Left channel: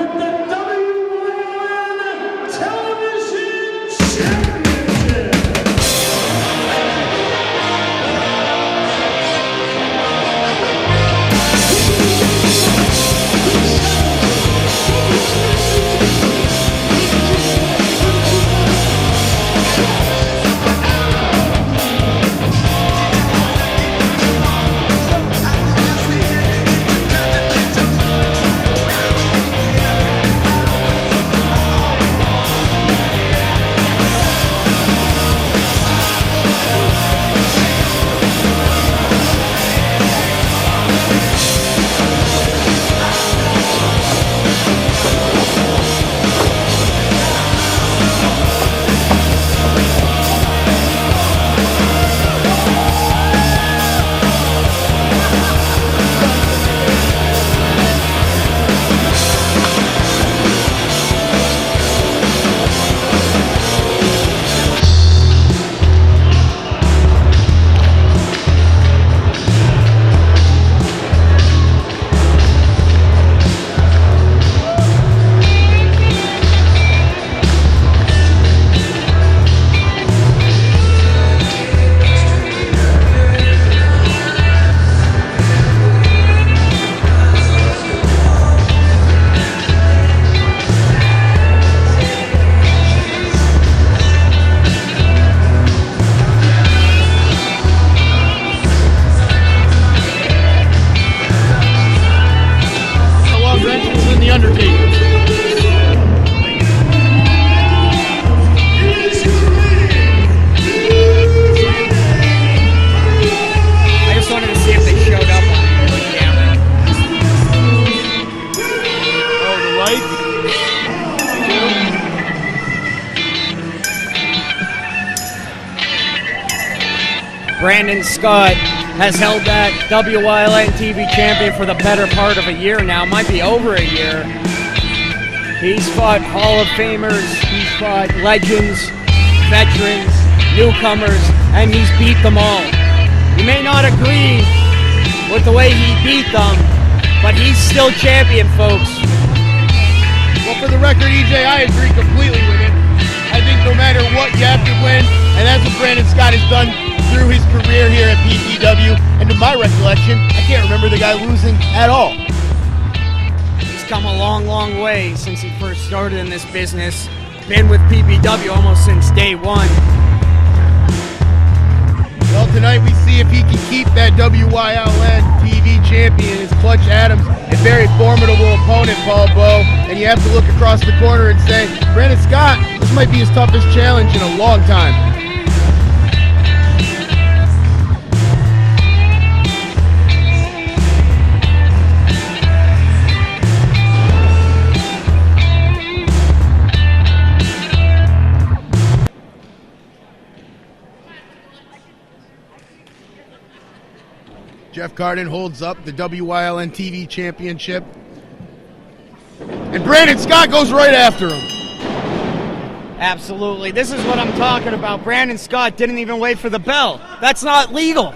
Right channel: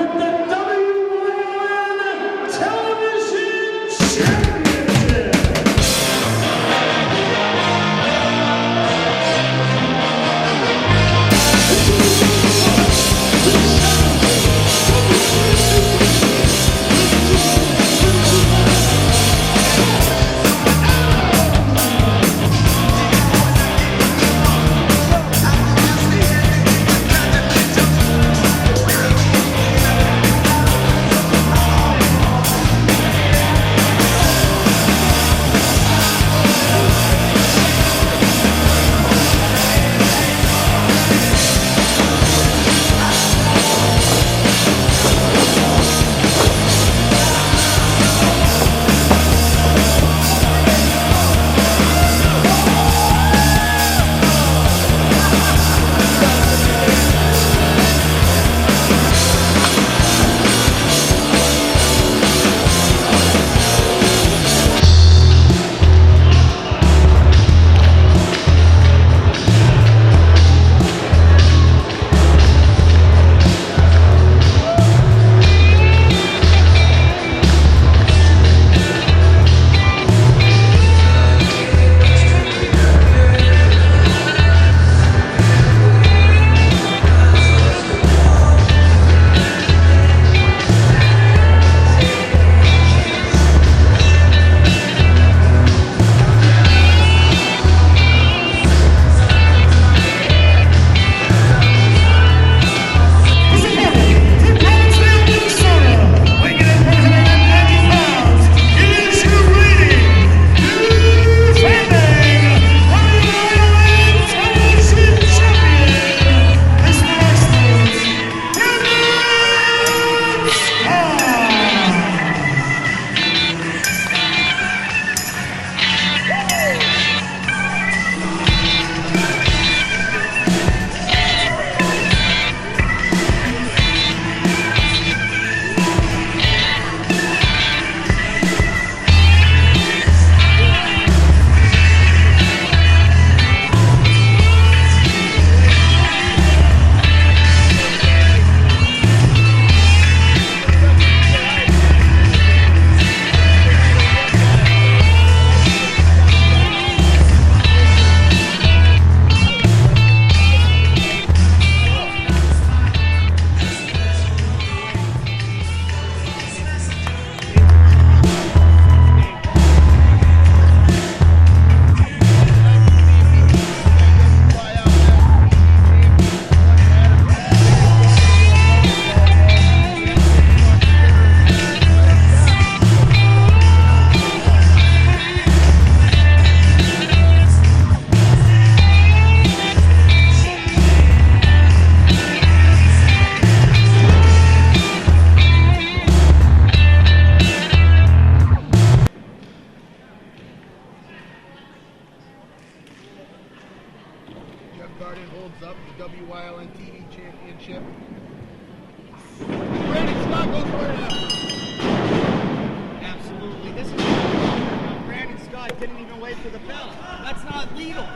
with the WYLN Television Championship. Brandon Scott has held that WYLN TV champion for the better part of a year now, might be over a year. He's fought Hall of Famers, he's fought legends, veterans, newcomers, and he's beat them all. You may not agree with the way he beat them, but he's still champion, folks. Well, for the record, EJ, I agree completely with you. I think no matter what, you have to win, and that's what Brandon Scott has done through his career here at PPW, and to my recollection, I can't remember the guy losing at all. He's come a long, long way since he first started in this business. Been with PPW almost since day one. Well, tonight we see if he can keep that WYLN TV champion. It's Clutch Adams, a very formidable opponent, Paul Bowe, and you have to look across the corner and say, Brandon Scott, this might be his toughest challenge in a long time. Jeff Carden holds up the WYLN TV championship. And Brandon Scott goes right after him. Absolutely. This is what I'm talking about. Brandon Scott didn't even wait for the bell. That's not legal.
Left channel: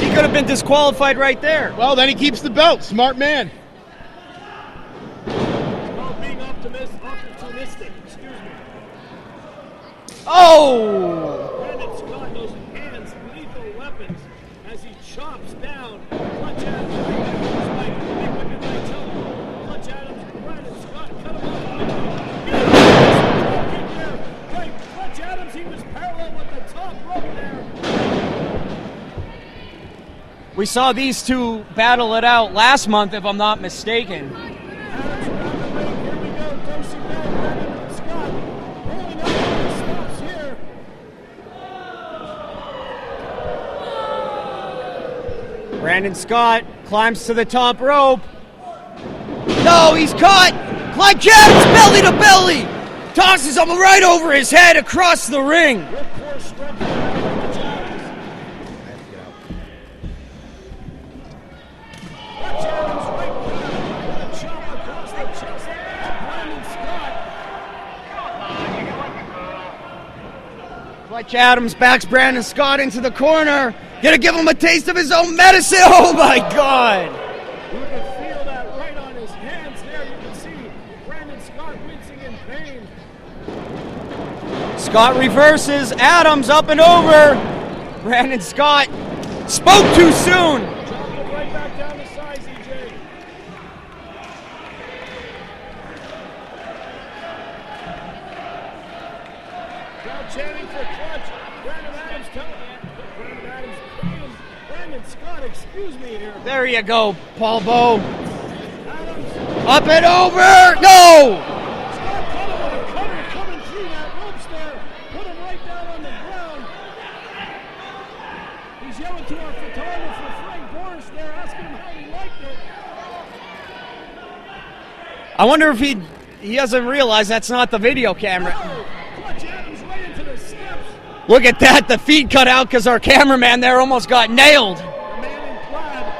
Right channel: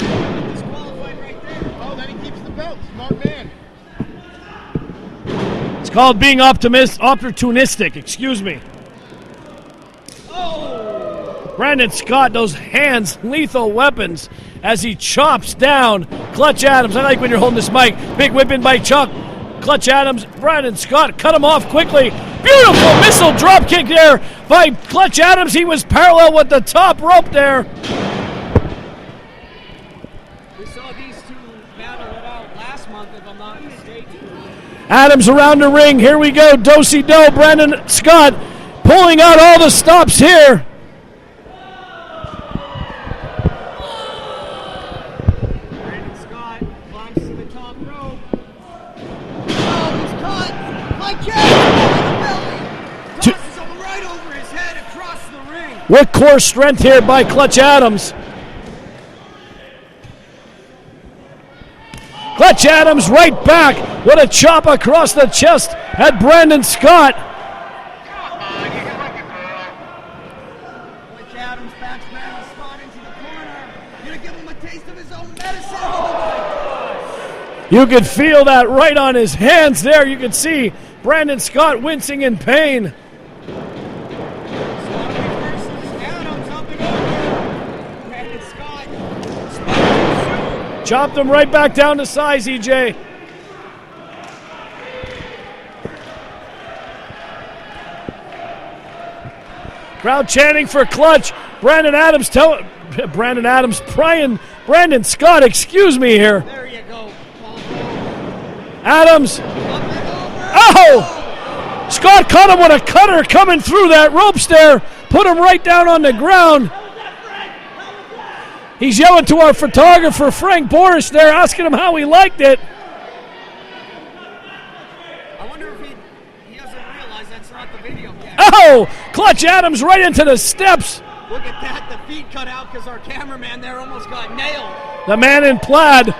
He could have been disqualified right there. Well, then he keeps the belt. Smart man. It's called being opportunistic, excuse me. Oh! Brandon Scott, those hands, lethal weapons, as he chops down Clutch Adams. I like when you're holding this mic. Big whipping by Chuck. Clutch Adams, Brandon Scott cut him off quickly. Beautiful missile drop kick there by Clutch Adams. He was parallel with the top rope there. We saw these two battle it out last month, if I'm not mistaken. Adams around the ring. Here we go. Do-si-do. Brandon Scott pulling out all the stops here. Brandon Scott climbs to the top rope. No, he's caught. Clutch Adams, belly to belly. Tosses him right over his head across the ring. With core strength here by Clutch Adams. Clutch Adams right back with a chop across the chest at Brandon Scott. Clutch Adams backs Brandon Scott into the corner. Gonna give him a taste of his own medicine. Oh my God. You could feel that right on his hands there. You could see Brandon Scott wincing in pain. Scott reverses. Adams up and over. Brandon Scott spoke too soon. Chopped him right back down to size, EJ. Crowd chanting for Clutch. Brandon Scott, excuse me here. There you go, Paul Bowe. Adams. Up and over. Oh! No! Scott caught him with a cutter coming through that ropes there. Put him right down on the ground. He's yelling to our photographer, Frank Boris, there, asking him how he liked it. I wonder if he doesn't realize that's not the video camera. Oh! Clutch Adams right into the steps. Look at that. The feed cut out because our cameraman there almost got nailed. The man in plaid.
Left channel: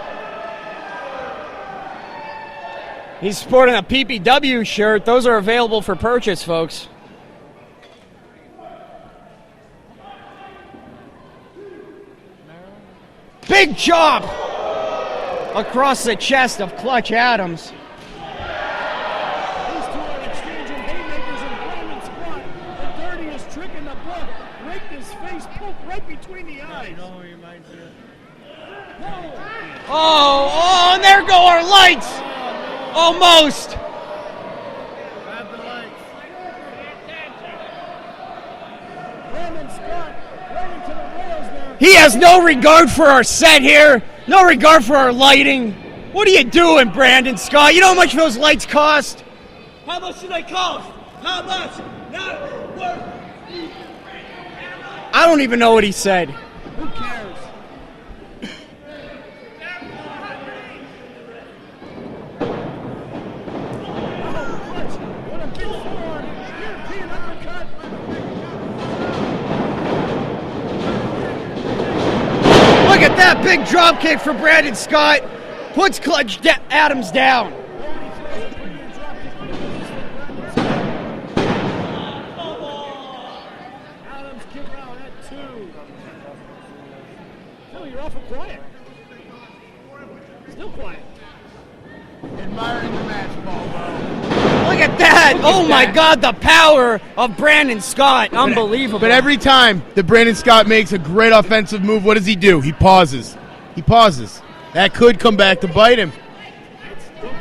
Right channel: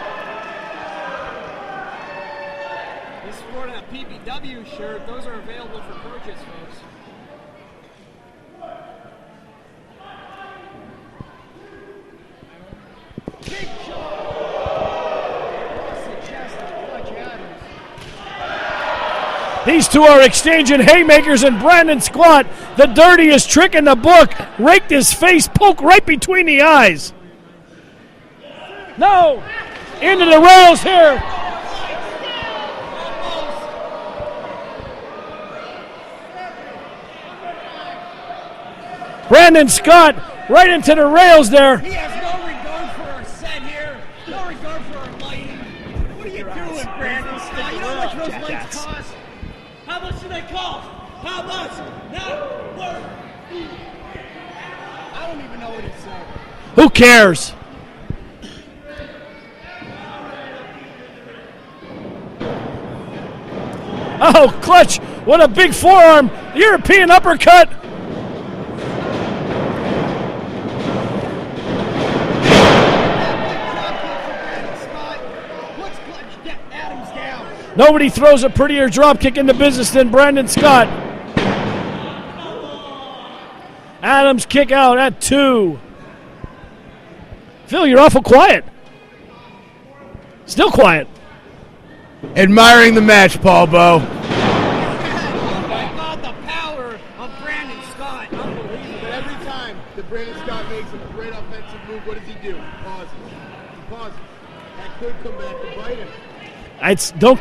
He's sporting a PPW shirt. Those are available for purchase, folks. Big chop across the chest of Clutch Adams. These two are exchanging haymakers, and Brandon Scott, the dirtiest trick in the book, raked his face, poke right between the eyes. No! Into the rails here. There go our lights! Almost! Brandon Scott right into the rails there. He has no regard for our set here, no regard for our lighting. What are you doing, Brandon Scott? You know how much those lights cost? How much do they cost? How much? I don't even know what he said. Who cares? Oh, Clutch, what a big forearm. European uppercut. Look at that big drop kick for Brandon Scott. Puts Clutch Adams down. Nobody throws a prettier drop kick in the business than Brandon Scott. Adams kick out at 2. Phil, you're awful quiet. Still quiet. Admiring the match, Paul Bowe. Look at that. Oh, my God, the power of Brandon Scott. Unbelievable. But every time that Brandon Scott makes a great offensive move, what does he do? He pauses. He pauses. That could come back to bite him. Don't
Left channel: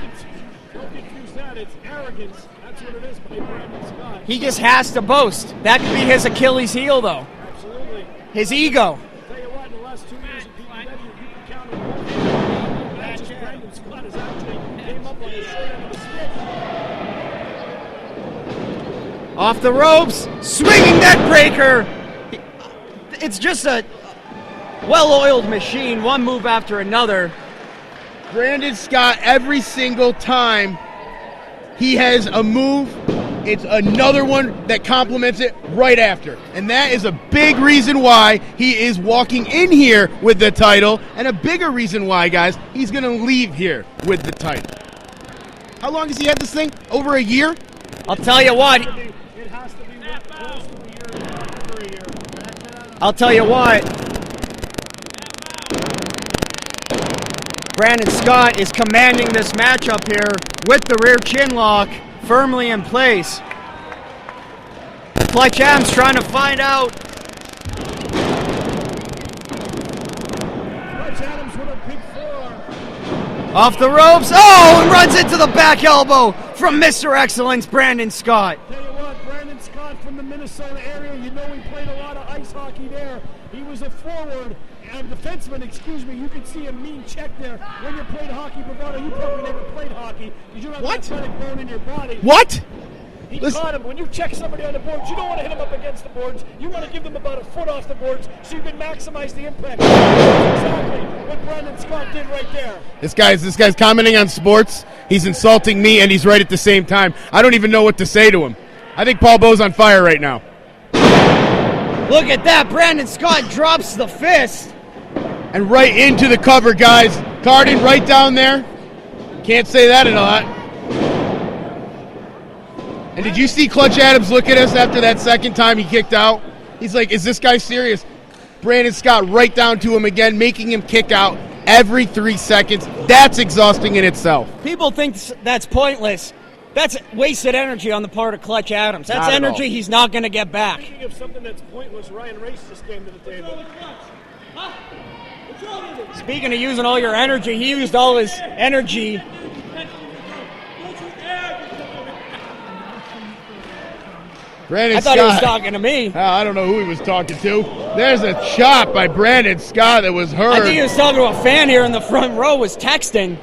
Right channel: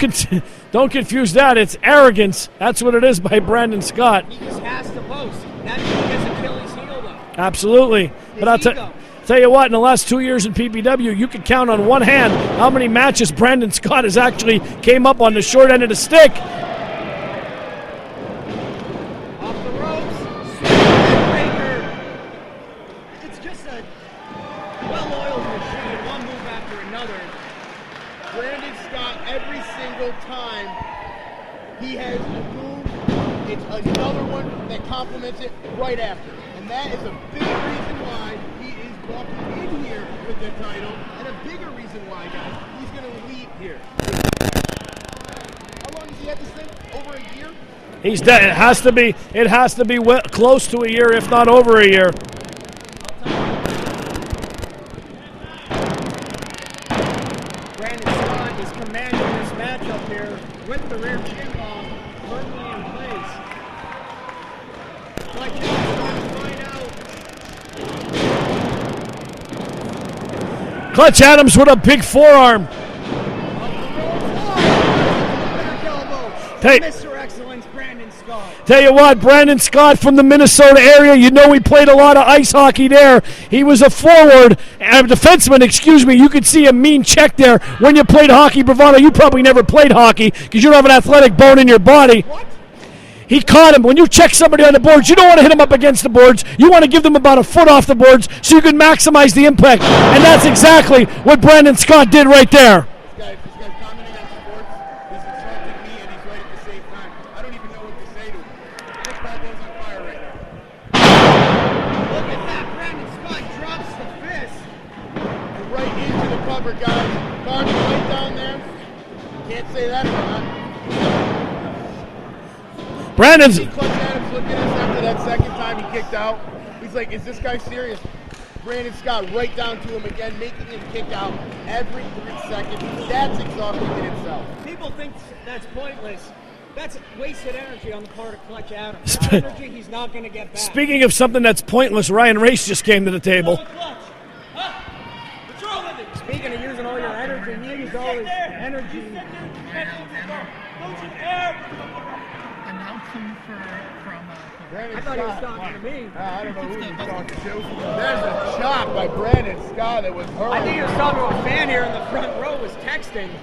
confuse that. It's arrogance. That's what it is by Brandon Scott. He just has to boast. That could be his Achilles heel, though. Absolutely. His ego. Tell you what, in the last 2 years in PPW, you could count on one hand how many matches Brandon Scott has actually came up on the short end of the stick. Off the ropes, swinging neck breaker. It's just a well-oiled machine, one move after another. Brandon Scott, every single time he has a move, it's another one that complements it right after. And that is a big reason why he is walking in here with the title, and a bigger reason why, guys, he's going to leave here with the title. How long has he had this thing? Over a year? It has to be close to a year, if not over a year. I'll tell you what. Brandon Scott is commanding this matchup here with the rear chin lock firmly in place. Clutch Adams trying to find out. Clutch Adams with a big forearm. Off the ropes. Oh, runs into the back elbow from Mr. Excellence, Brandon Scott. Tell you what, Brandon Scott from the Minnesota area, you know he played a lot of ice hockey there. He was a forward, a defenseman, excuse me. You could see a mean check there when you played hockey. Bravado, you probably never played hockey because you don't have an athletic bone in your body. What? He caught him. When you check somebody on the boards, you don't want to hit them up against the boards. You want to give them about a foot off the boards so you can maximize the impact. And that's exactly what Brandon Scott did right there. This guy's commenting on sports. He's insulting me, and he's right at the same time. I don't even know what to say to him. I think Paul Bowe's on fire right now. Look at that. Brandon Scott drops the fist. And right into the cover, guys. Carding right down there. Can't say that a lot. Brandon, Did you see Clutch Adams look at us after that second time he kicked out? He's like, is this guy serious? Brandon Scott right down to him again, making him kick out every 3 seconds. That's exhausting in itself. People think that's pointless. That's wasted energy on the part of Clutch Adams. That's Not at energy all. he's not going to get back. Speaking of something that's pointless, Ryan Race just came to the table. Speaking of using all your energy, he used all his energy. Brandon I thought he was Scott. talking to me. I don't know who he was talking to. There's a chop by Brandon Scott that was heard. I think he was talking to a fan here in the front row, was texting.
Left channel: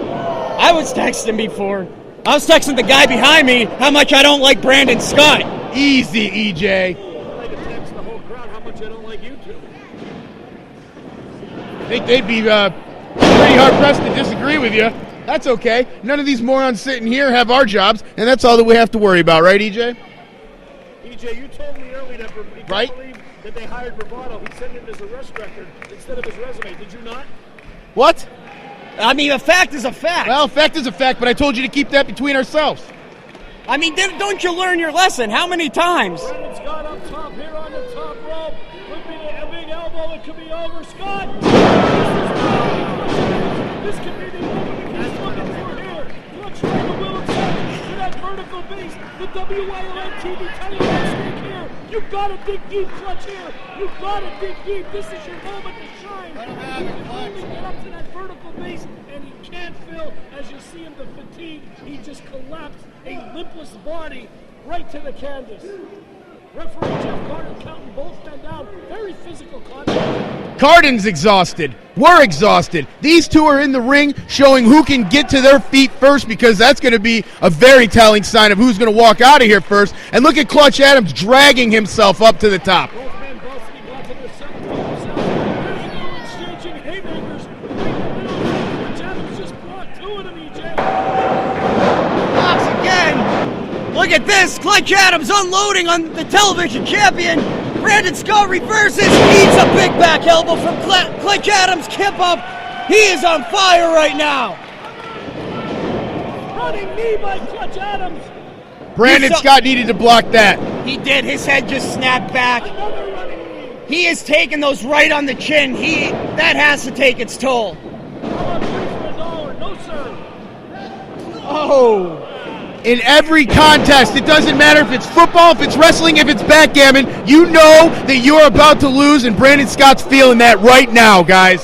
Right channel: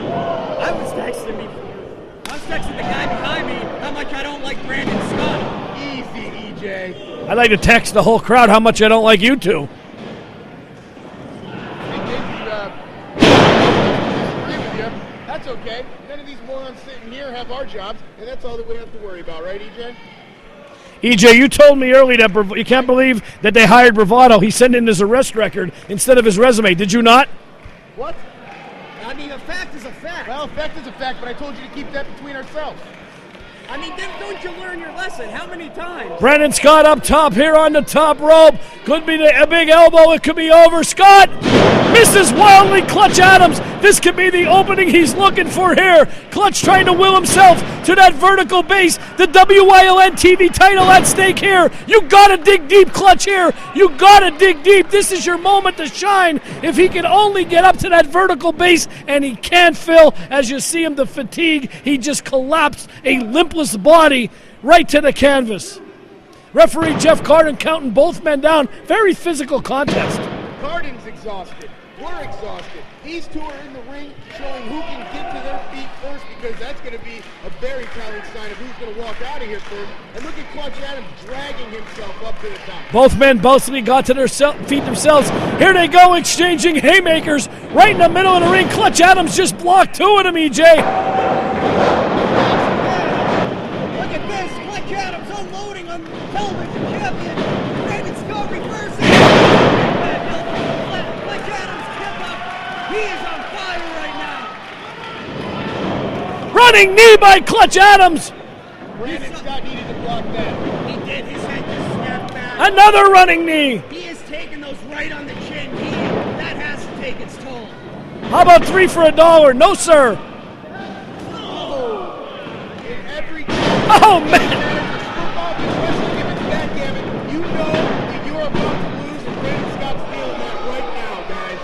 I was texting before. I was texting the guy behind me how much I don't like Brandon Scott. Easy, EJ. I'd like to text the whole crowd how much I don't like you two. I think they'd be pretty hard-pressed to disagree with you. That's okay. None of these morons sitting here have our jobs, and that's all that we have to worry about, right, EJ? EJ, you told me earlier that you can't Right. believe that they hired Bravado. He sent in his arrest record instead of his resume. Did you not? What? I mean, a fact is a fact. Well, fact is a fact, but I told you to keep that between ourselves. I mean, don't you learn your lesson? How many times? Brandon Scott up top here on the top rope. Could be a big elbow. It could be over. Scott misses wildly. Clutch Adams. This could be the opening he's looking for here. Clutch trying to will himself to that vertical base. The WYLN TV title at stake here. You gotta dig deep, Clutch here. You gotta dig deep. This is your moment to shine. If he can only get up to that vertical base, and he can't, Phil, as you see him, the fatigue, he just collapsed, a limpless body right to the canvas. Referee Jeff Carden counting both men down. Very physical contest. Carden's exhausted. We're exhausted. These two are in the ring showing who can get to their feet first, because that's going to be a very telling sign of who's going to walk out of here first. And look at Clutch Adams dragging himself up to the top. Both men bothly got to their feet themselves. Here they go, exchanging haymakers right in the middle of the ring. Clutch Adams just blocked two of them, EJ. Once again, look at this. Clutch Adams unloading on the television champion. Brandon Scott reverses, eats a big back elbow from Clutch Adams. Kip up. He is on fire right now. Running knee by Clutch Adams. Brandon Scott needed to block that. He did. His head just snapped back. Another running knee. He is taking those right on the chin. That has to take its toll. How about $3 for $1? No, sir. Oh. In every contest, it doesn't matter if it's football, if it's wrestling, if it's backgammon, you know that you're about to lose, and Brandon Scott's feeling that right now, guys.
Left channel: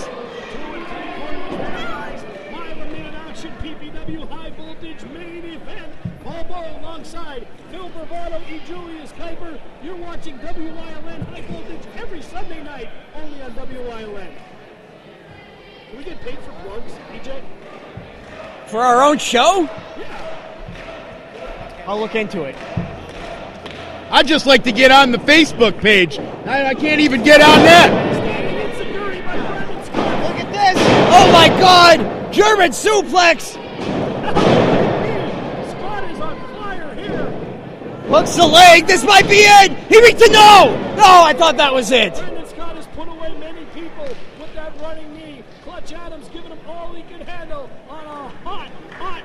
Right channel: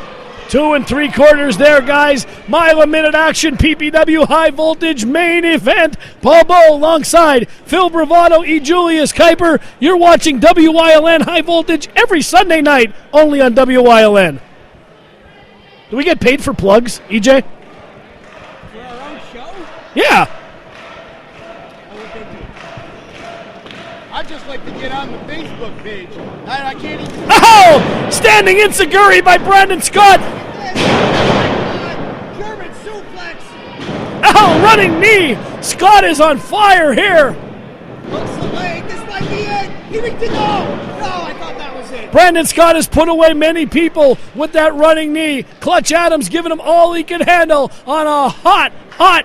2 3/4 there, guys. Mile-a-minute action, PPW high voltage main event. Paul Bowe alongside Phil Bravado, E. Julius Kuiper. You're watching WYLN high voltage every Sunday night, only on WYLN. Do we get paid for plugs, EJ? For our own show? Yeah. I'll look into it. I'd just like to get on the Facebook page. I can't even get on yet. Standing enziguri by Brandon Scott. Look at this. Oh my God. German suplex. Ow, running knee. Scott is on fire here. Hooks the leg. This might be it. He reached the no. No, I thought that was it. Brandon Scott has put away many people with that running knee. Clutch Adams giving him all he can handle on a hot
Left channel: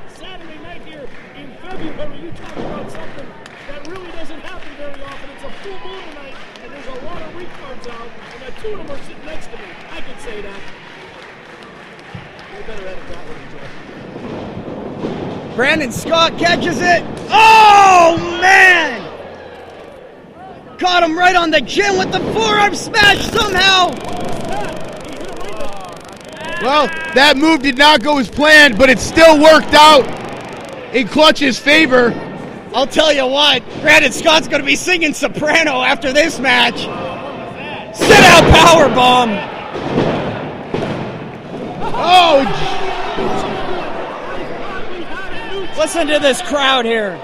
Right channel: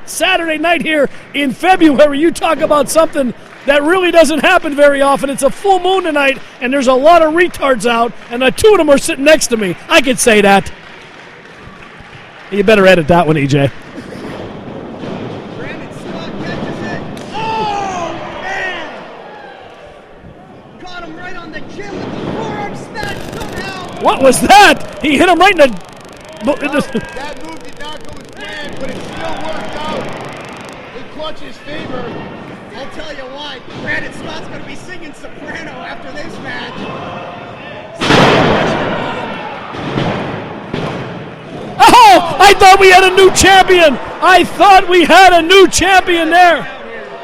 Saturday night here in February. You talk about something that really doesn't happen very often. It's a full moon tonight, and there's a lot of retards out, and the two of them are sitting next to me. I could say that. You better edit that one, EJ. Brandon Scott catches it. Oh, man! Caught him right on the chin with the forearm smash somehow. What was that? He hit him right in the... Well, that move did not go as planned, but it still worked out in Clutch's favor. I'll tell you what, Brandon Scott's going to be singing soprano after this match. Sit-out powerbomb. Oh! I thought we had a new champion. I thought we had a new champion Listen to this there. crowd here.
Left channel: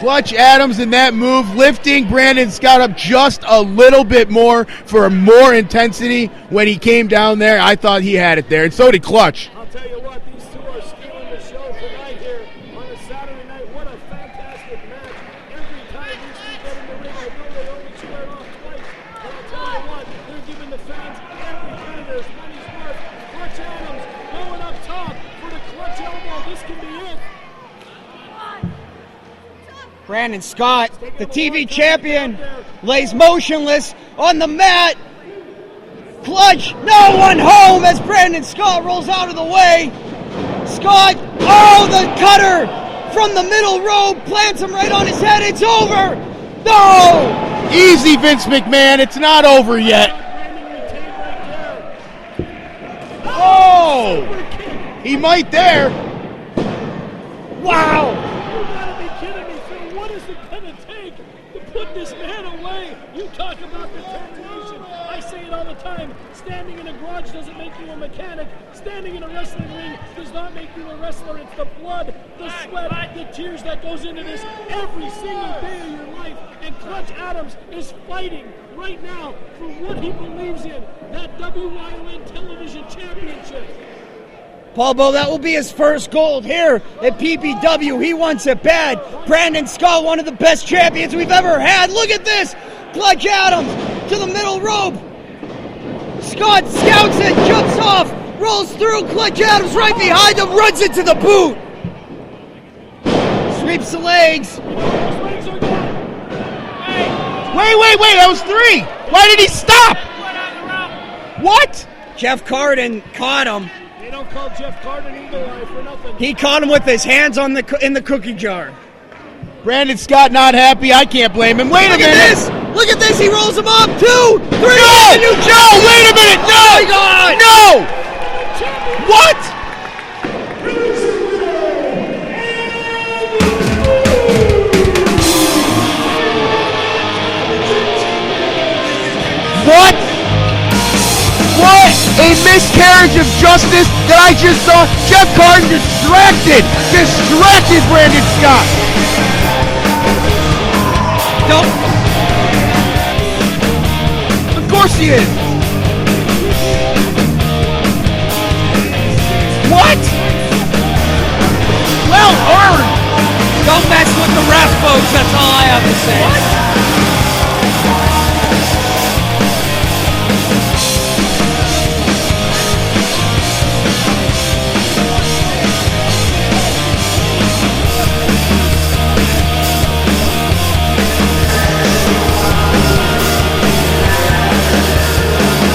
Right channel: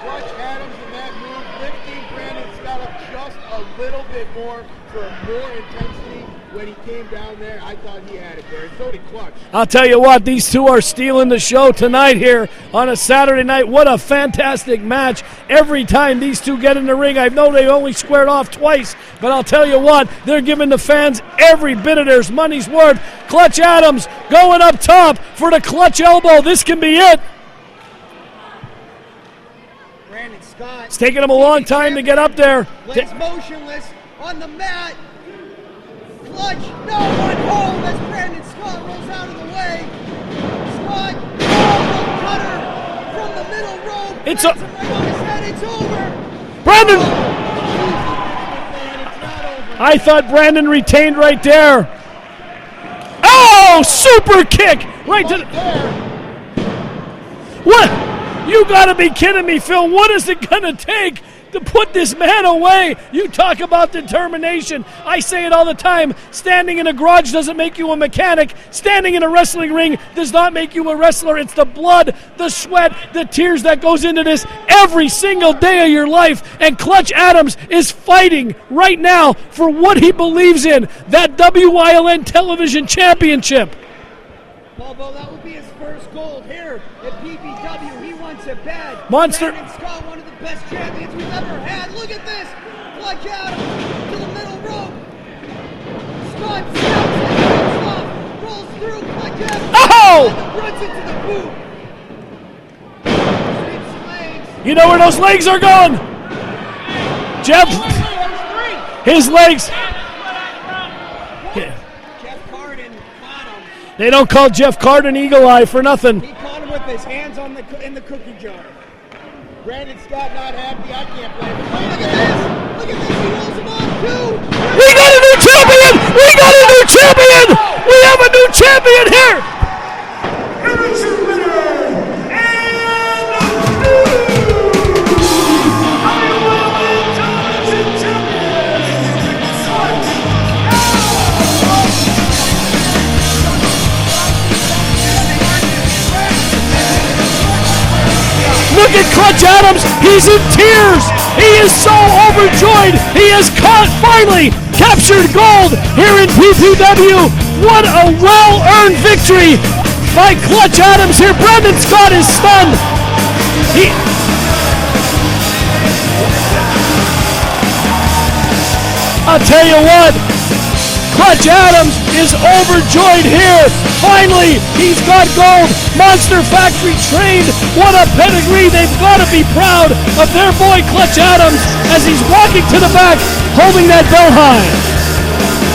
Clutch Adams in that move, lifting Brandon Scott up just a little bit more for more intensity when he came down there. I thought he had it there, and so did Clutch. I'll tell you what, these two are stealing the show tonight here on a Saturday night. What a fantastic match. Every time these two get in the ring, I know they've only squared off twice, but I'll tell you what, they're giving the fans every bit of their money's worth. Clutch Adams going up top for the clutch elbow. This can be it. Brandon Scott. It's taking him the a long TV time to get up there. Lays motionless on the mat. Clutch, no one home as Brandon Scott rolls out of the way. Scott, oh, the cutter from the middle rope, It's plants him right on his head. It's over. Brandon! Oh, easy, Vince McMahon. It's not over I yet. thought Brandon retained right there. Oh, super kick! He Right might there. What? You gotta be kidding me, Phil. What is it gonna take to put this man away? You talk about determination. I say it all the time. Standing in a garage doesn't make you a mechanic. Standing in a wrestling ring does not make you a wrestler. It's the blood, the sweat, the tears that goes into this every single day of your life. And Clutch Adams is fighting right now for what he believes in, that WILN television championship. Paul Bo, that will be his first gold here at PPW. He wants it bad. Monster. Brandon Scott, one of the best champions we've ever had. Look at this. Clutch Adams to the middle rope. Scott scouts it, jumps off, rolls through. Clutch Adams right behind him, runs into the boot. Sweeps the legs. You know where those legs are going? Jeff, Wait, that was 3. His Why did he legs- stop? What? Jeff Carden caught him. they don't call Jeff Carden Eagle Eye for nothing. He caught him with his hands on in the cookie jar. Brandon Scott not happy. I can't blame him. Wait a Look at minute. this! Look at this! He rolls him up. 2, 3. We got a new champion! Wait a We minute. got a new No, champion! no. We have a new champion here! What? What? A miscarriage of justice that I just saw. Jeff Carden distracted Brandon Scott. Look at Clutch Adams. He's in tears. He is so overjoyed. He has finally captured gold here in PPW. What a well-earned victory. What? By Clutch Adams here. Brandon Scott is stunned. Come back with the rest, folks. That's all I have to say. I'll tell you what, Clutch Adams is overjoyed here. Finally, he's got gold. Monster Factory trained. What a pedigree. They've got to be proud of their boy Clutch Adams as he's walking to the back, holding that belt high.